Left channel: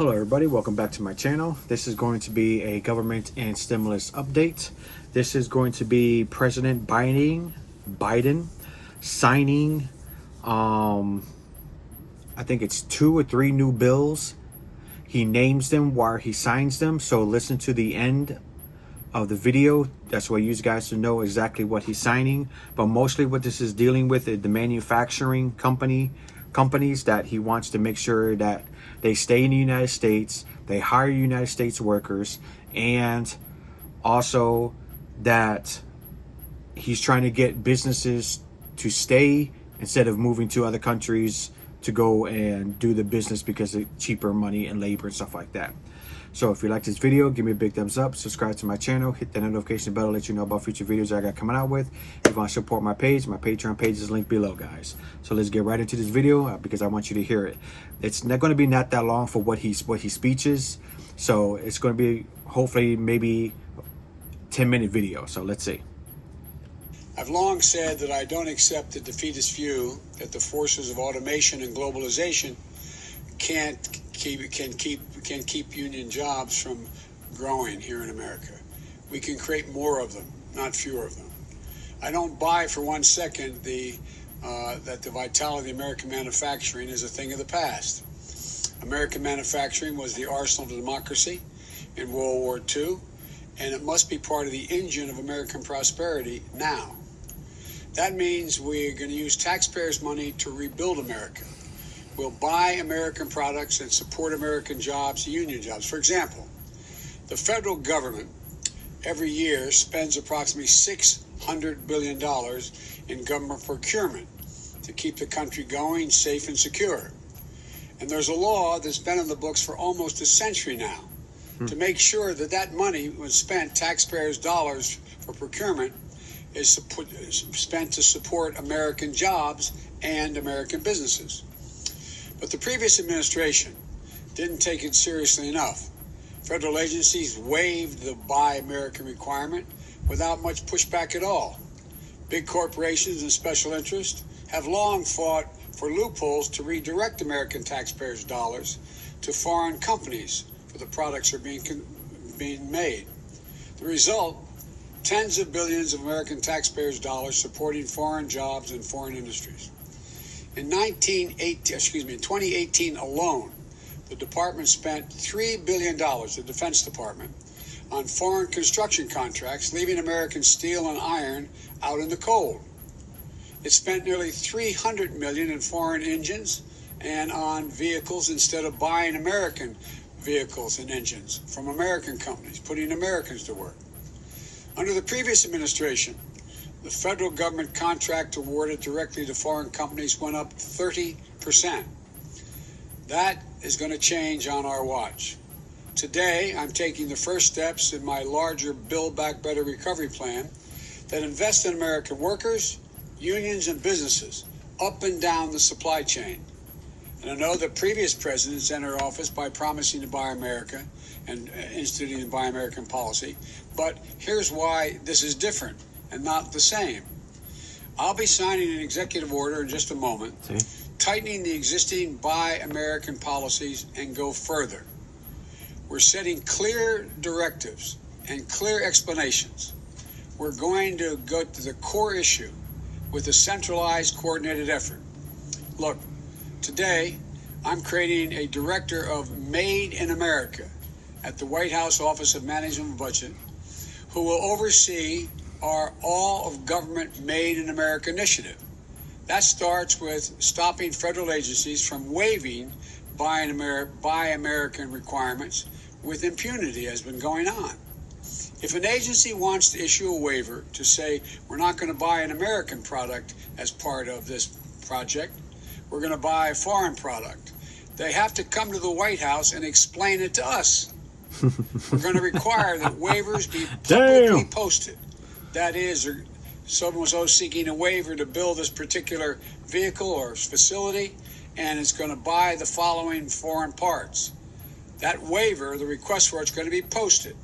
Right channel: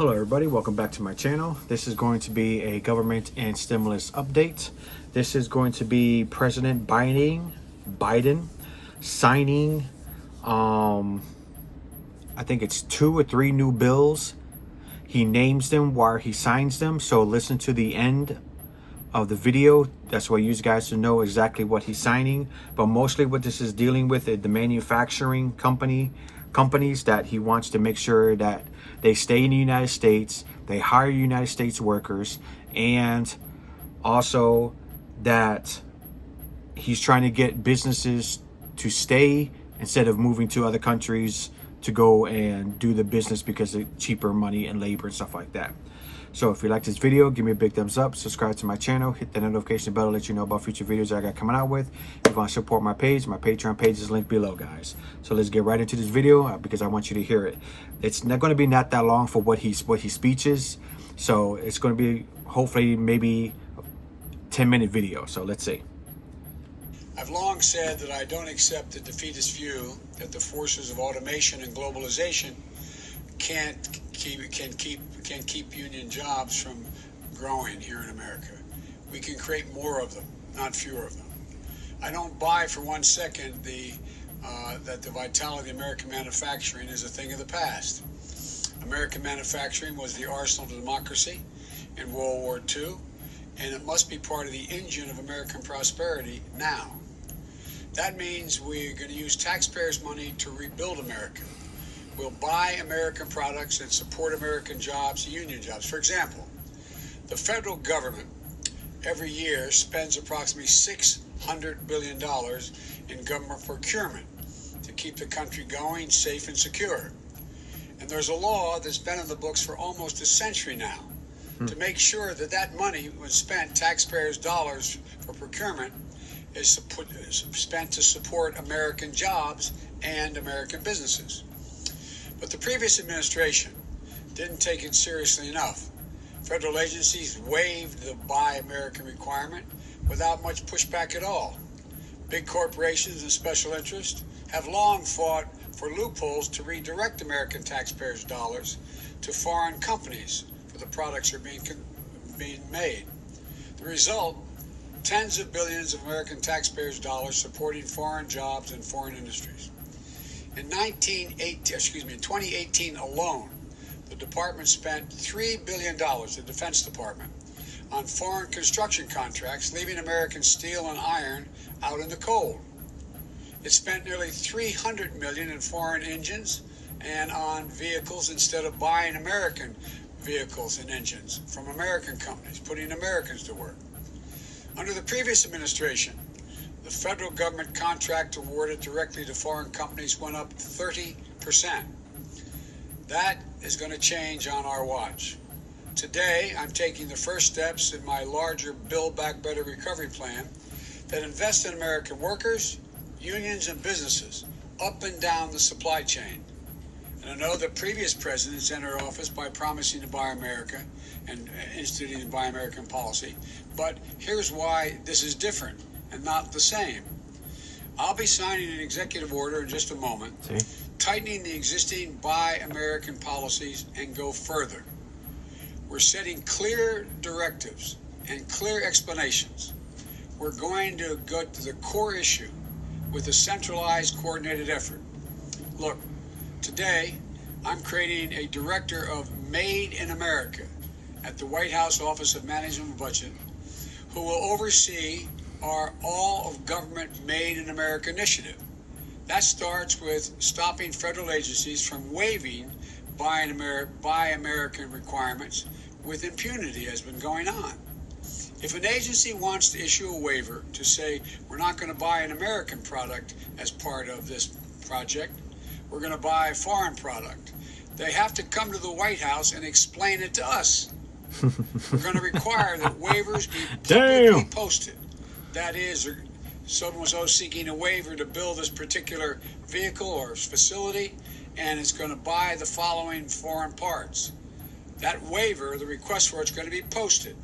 Hello everybody, welcome back to my channel. This is going to be a government and stimulus update. This is going to be President Biden signing I think it's 2 or 3 new bills. He names them while he signs them, so listen to the end of the video. That's why you guys to know exactly what he's signing. But mostly what this is dealing with is the manufacturing companies that he wants to make sure that they stay in the United States, they hire United States workers, and also that he's trying to get businesses to stay instead of moving to other countries to go and do the business because of cheaper money and labor and stuff like that. So if you like this video, give me a big thumbs up, subscribe to my channel, hit the notification bell to let you know about future videos I got coming out with. If you want to support my page, my Patreon page is linked below, guys. So let's get right into this video because I want you to hear it. It's not going to be not that long for what he speeches. So it's going to be hopefully maybe a 10-minute video. So let's see. I've long said that I don't accept the defeatist view that the forces of automation and globalization can keep union jobs from growing here in America. We can create more of them, not fewer of them. I don't buy for 1 second that the vitality of American manufacturing is a thing of the past. American manufacturing was the arsenal of democracy in World War II, and it must be part of the engine of American prosperity now. That means we're going to use taxpayers' money to rebuild America. We'll buy American products and support American jobs, union jobs. For example, the federal government every year spends approximately $600 billion in government procurement to keep the country going, safe and secure. And there's a law that's been in the books for almost a century now to make sure that that money was spent, taxpayers' dollars for procurement, is spent to support American jobs and American businesses. But the previous administration didn't take it seriously enough. Federal agencies waived the Buy American requirement without much pushback at all. Big corporations and special interests have long fought for loopholes to redirect American taxpayers' dollars to foreign companies for the products that are being made. The result, tens of billions of American taxpayers' dollars supporting foreign jobs and foreign industries. In 2018 alone, the department spent $3 billion, the Defense Department, on foreign construction contracts, leaving American steel and iron out in the cold. It spent nearly $300 million in foreign engines and on vehicles instead of buying American vehicles and engines from American companies, putting Americans to work. Under the previous administration, the federal government contract awarded directly to foreign companies went up 30%. That is going to change on our watch. Today, I'm taking the first steps in my larger Build Back Better recovery plan that invests in American workers, unions, and businesses up and down the supply chain. And I know that previous presidents entered office by promising to buy America and instituting the Buy American policy. But here's why this is different and not the same. I'll be signing an executive order in just a moment, tightening the existing Buy American policies and go further. We're setting clear directives and clear explanations. We're going to go to the core issue with a centralized, coordinated effort. Look, today, I'm creating a director of Made in America at the White House Office of Management and Budget, who will oversee our All of Government Made in America initiative. That starts with stopping federal agencies from waiving Buy American requirements with impunity, has been going on. If an agency wants to issue a waiver to say we're not going to buy an American product as part of this project, we're going to buy a foreign product, they have to come to the White House and explain it to us. We're going to require that waivers be publicly posted. That is, someone was seeking a waiver to build this particular vehicle or facility, and it's going to buy the following foreign parts. That waiver, the request for it's going to be posted.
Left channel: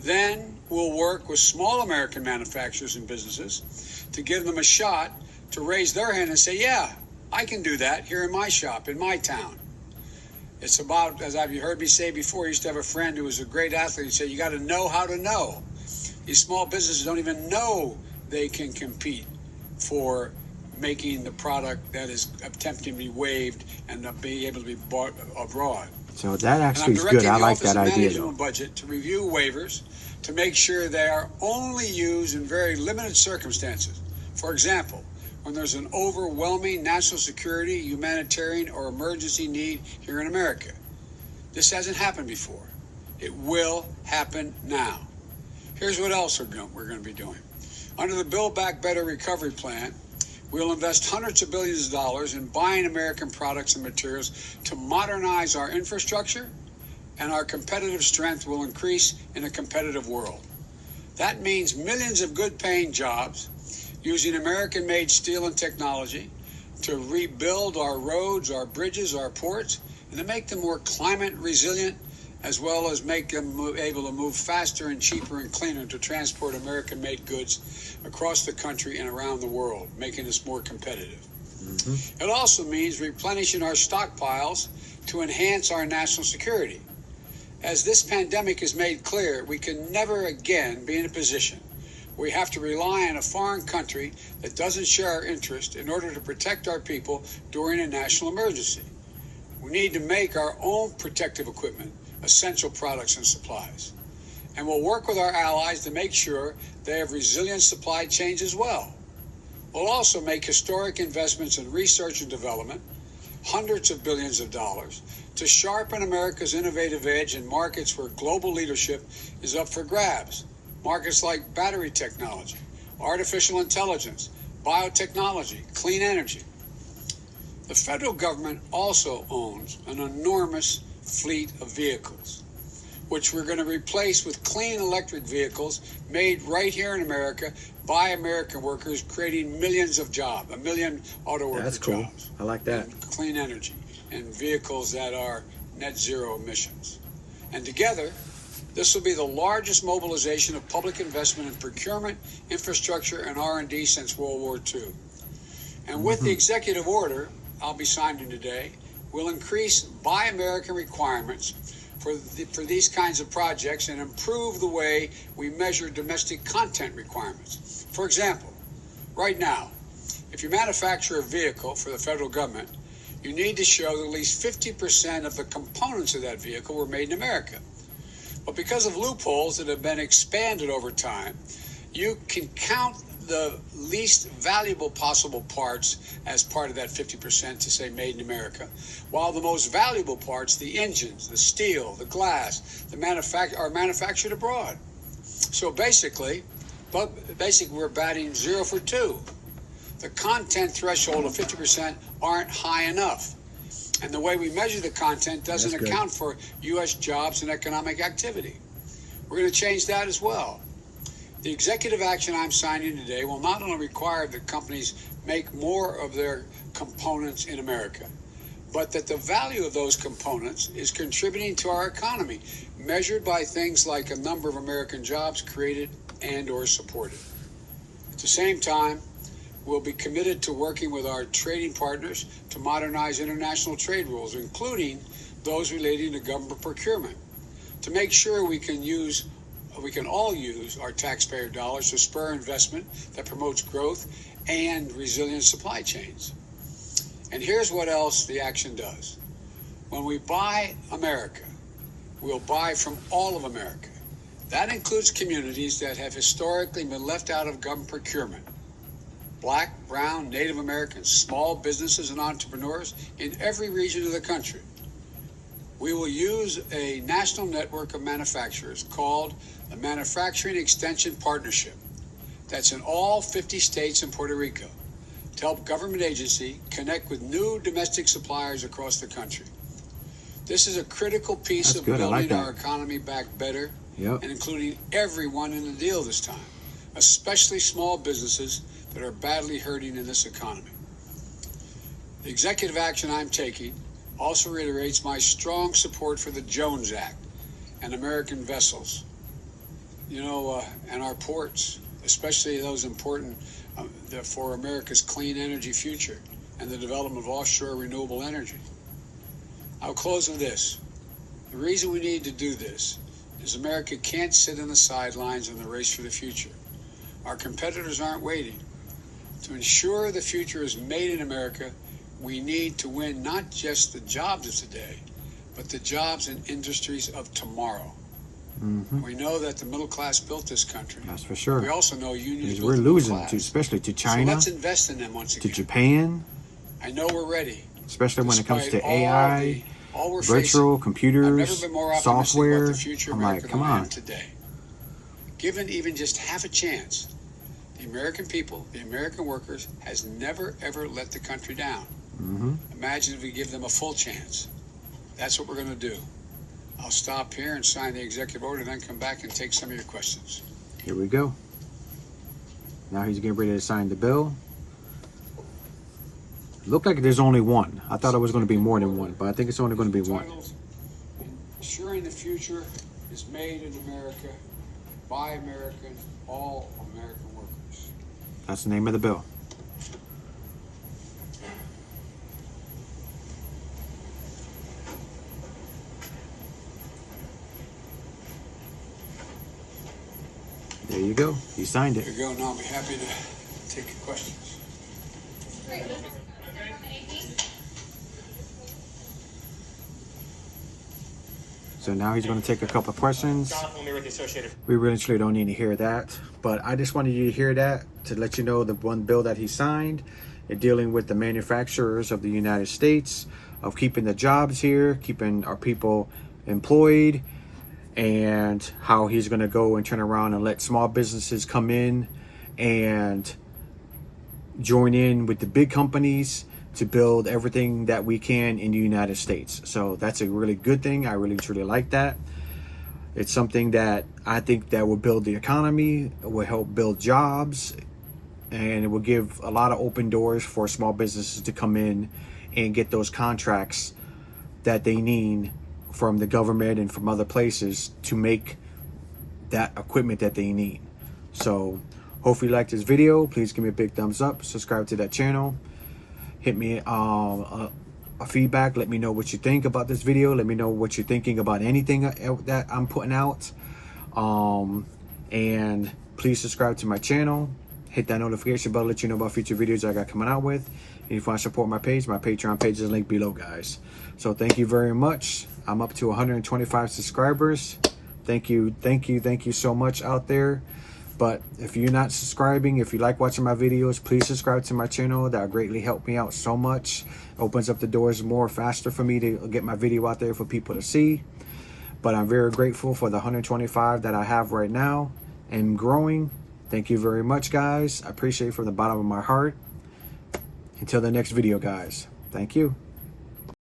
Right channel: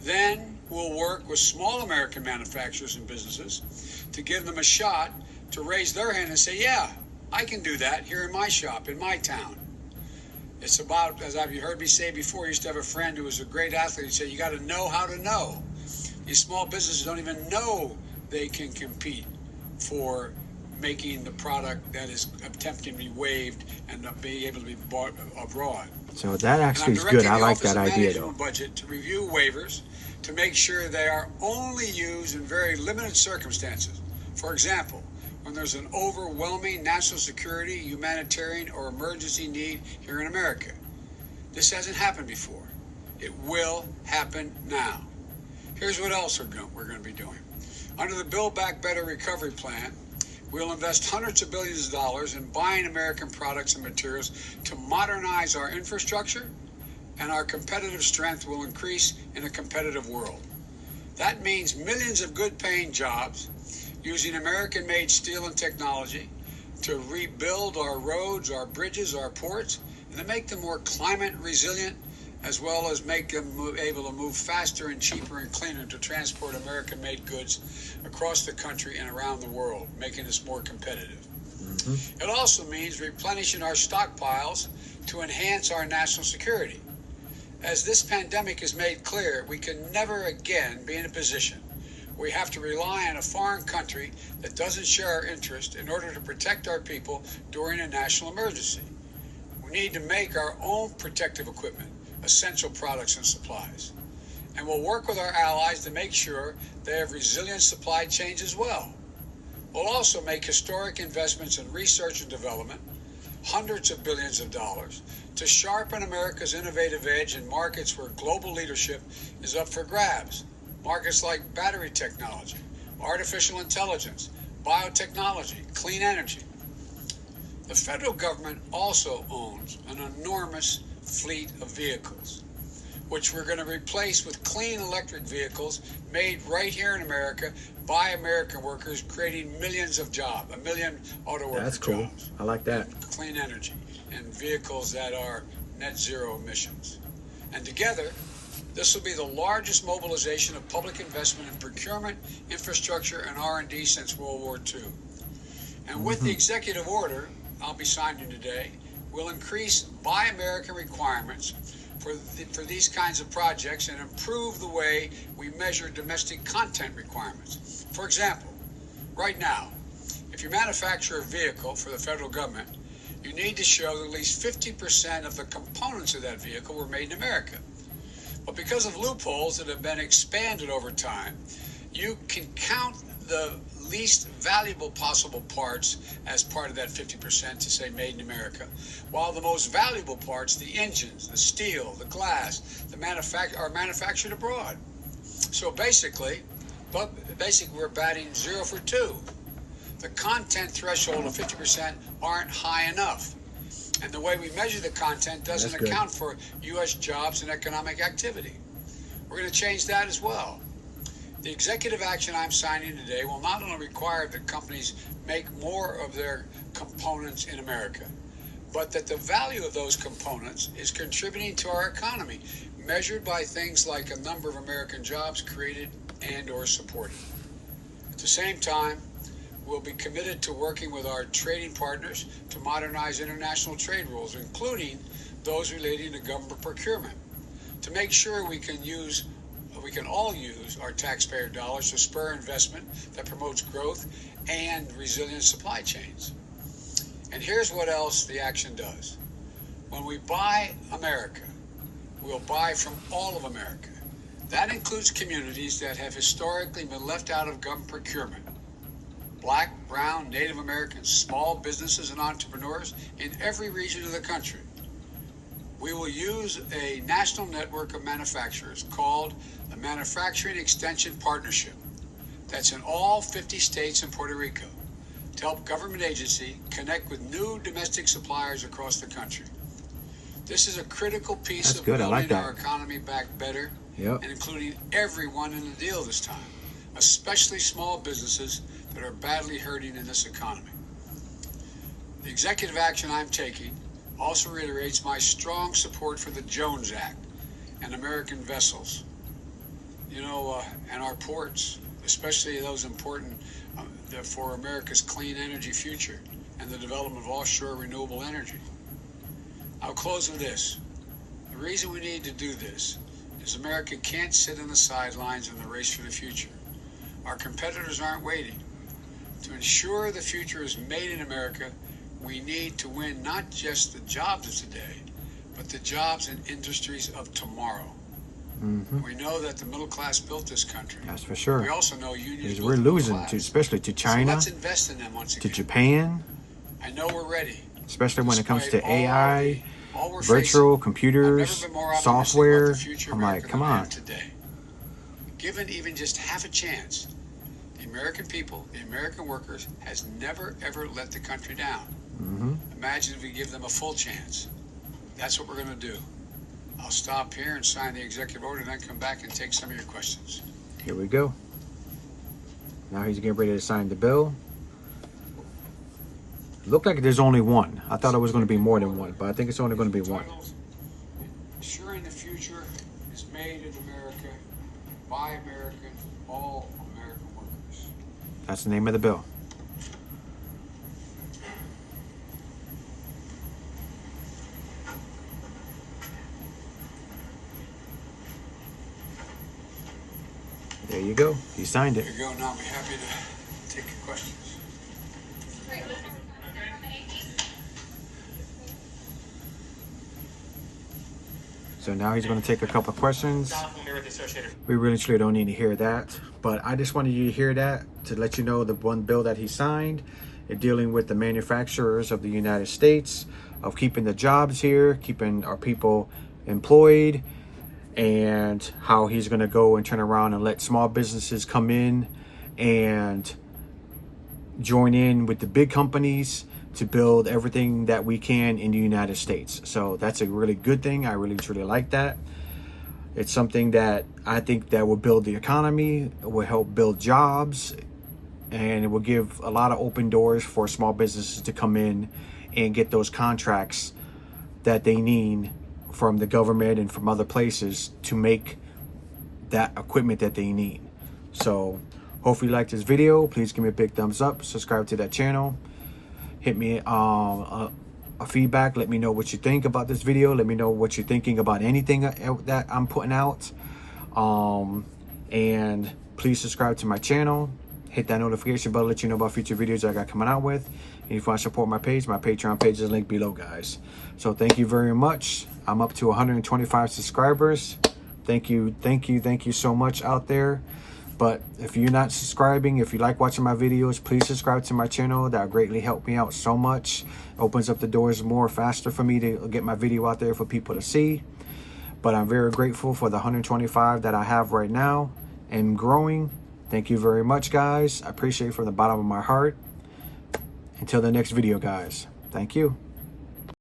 Then we'll work with small American manufacturers and businesses to give them a shot to raise their hand and say, yeah, I can do that here in my shop, in my town. It's about, as you heard me say before, I used to have a friend who was a great athlete and said, you got to know how to know. These small businesses don't even know they can compete for making the product that is attempting to be waived and be able to be bought abroad. So that actually is good. I like that idea, though. Budget to review waivers to make sure they are only used in very limited circumstances. For example, when there's an overwhelming national security, humanitarian, or emergency need here in America. This hasn't happened before. It will happen now. Here's what else we're going to be doing. Under the Build Back Better Recovery Plan, we'll invest hundreds of billions of dollars in buying American products and materials to modernize our infrastructure, and our competitive strength will increase in a competitive world. That means millions of good-paying jobs using American-made steel and technology to rebuild our roads, our bridges, our ports, and to make them more climate resilient, as well as make them able to move faster and cheaper and cleaner to transport American-made goods across the country and around the world, making us more competitive. It also means replenishing our stockpiles to enhance our national security. As this pandemic has made clear, we can never again be in a position where we have to rely on a foreign country that doesn't share our interest in order to protect our people during a national emergency. We need to make our own protective equipment, essential products and supplies. And we'll work with our allies to make sure they have resilient supply chains as well. We'll also make historic investments in research and development, hundreds of billions of dollars, to sharpen America's innovative edge in markets where global leadership is up for grabs. Markets like battery technology, artificial intelligence, biotechnology, clean energy. The federal government also owns an enormous fleet of vehicles, which we're going to replace with clean electric vehicles made right here in America by American workers, creating millions of jobs, 1 million auto worker That's cool. jobs. I like that. And clean energy and vehicles that are net zero emissions. And together, this will be the largest mobilization of public investment in procurement, infrastructure, and R&D since World War II. And with the executive order I'll be signing today, we'll increase Buy American requirements for these kinds of projects and improve the way we measure domestic content requirements. For example, right now, if you manufacture a vehicle for the federal government, you need to show that at least 50% of the components of that vehicle were made in America. But because of loopholes that have been expanded over time, you can count the least valuable possible parts as part of that 50% to say made in America, while the most valuable parts, the engines, the steel, the glass, are manufactured abroad. So basically we're batting 0 for 2. The content threshold of 50% aren't high enough. And the way we measure the content doesn't account for U.S. jobs and economic activity. We're going to change that as well. The executive action I'm signing today will not only require that companies make more of their components in America, but that the value of those components is contributing to our economy, measured by things like a number of American jobs created and or supported. At the same time, we'll be committed to working with our trading partners to modernize international trade rules, including those relating to government procurement, to make sure we can all use our taxpayer dollars to spur investment that promotes growth and resilient supply chains. And here's what else the action does. When we buy America, we'll buy from all of America. That includes communities that have historically been left out of government procurement. Black, brown, Native Americans, small businesses and entrepreneurs in every region of the country. We will use a national network of manufacturers called the Manufacturing Extension Partnership that's in all 50 states and Puerto Rico to help government agencies connect with new domestic suppliers across the country. This is a critical piece of building our economy back better and including everyone in the deal this time, especially small businesses that are badly hurting in this economy. The executive action I'm taking also reiterates my strong support for the Jones Act and American vessels, and our ports, especially those important for America's clean energy future and the development of offshore renewable energy. I'll close with this. The reason we need to do this is America can't sit on the sidelines in the race for the future. Our competitors aren't waiting. To ensure the future is made in America, we need to win not just the jobs of today, but the jobs and industries of tomorrow. We know that the middle class built this country. That's for sure. We also know unions Because built we're the middle losing class. to, especially to So China, let's invest in them once to again. Japan, I know we're ready. especially when it comes to Despite AI, all we're virtual facing, computers, I've never been more optimistic software. about the future of I'm like, America come than I am on. today. Given even just half a chance, the American people, the American workers, has never ever let the country down. Imagine if we give them a full chance. That's what we're going to do. I'll stop here and sign the executive order, and then come back and take some of your questions. Here we go. Now he's getting ready to sign the bill. Looked like there's only one. I thought it was going to be more than one, but I think it's only going to be one. Titled, Ensuring the future is made in America, by Americans, all American workers. That's the name of the bill. There you go. He signed it. There you go. Now I'll be happy to take your questions. So now he's going to take a couple of questions. We really truly don't need to hear that, but I just wanted you to hear that to let you know the one bill that he signed, dealing with the manufacturers of the United States, of keeping the jobs here, keeping our people employed, and how he's going to go and turn around and let small businesses come in and join in with the big companies to build everything that we can in the United States. So that's a really good thing. I really truly like that. It's something that I think that will build the economy, it will help build jobs, and it will give a lot of open doors for small businesses to come in and get those contracts that they need from the government and from other places to make that equipment that they need. So hopefully you like this video. Please give me a big thumbs up, subscribe to that channel, hit me a feedback, let me know what you think about this video, let me know what you're thinking about anything that I'm putting out, and please subscribe to my channel, hit that notification bell, let you know about future videos I got coming out with. And if you want to support my page, my Patreon page is linked below, guys. So thank you very much. I'm up to 125 subscribers. Thank you so much out there. But if you're not subscribing, if you like watching my videos, please subscribe to my channel. That would greatly help me out so much. Opens up the doors more faster for me to get my video out there for people to see. But I'm very grateful for the 125 that I have right now and growing. Thank you very much, guys. I appreciate it from the bottom of my heart. Until the next video, guys. Thank you.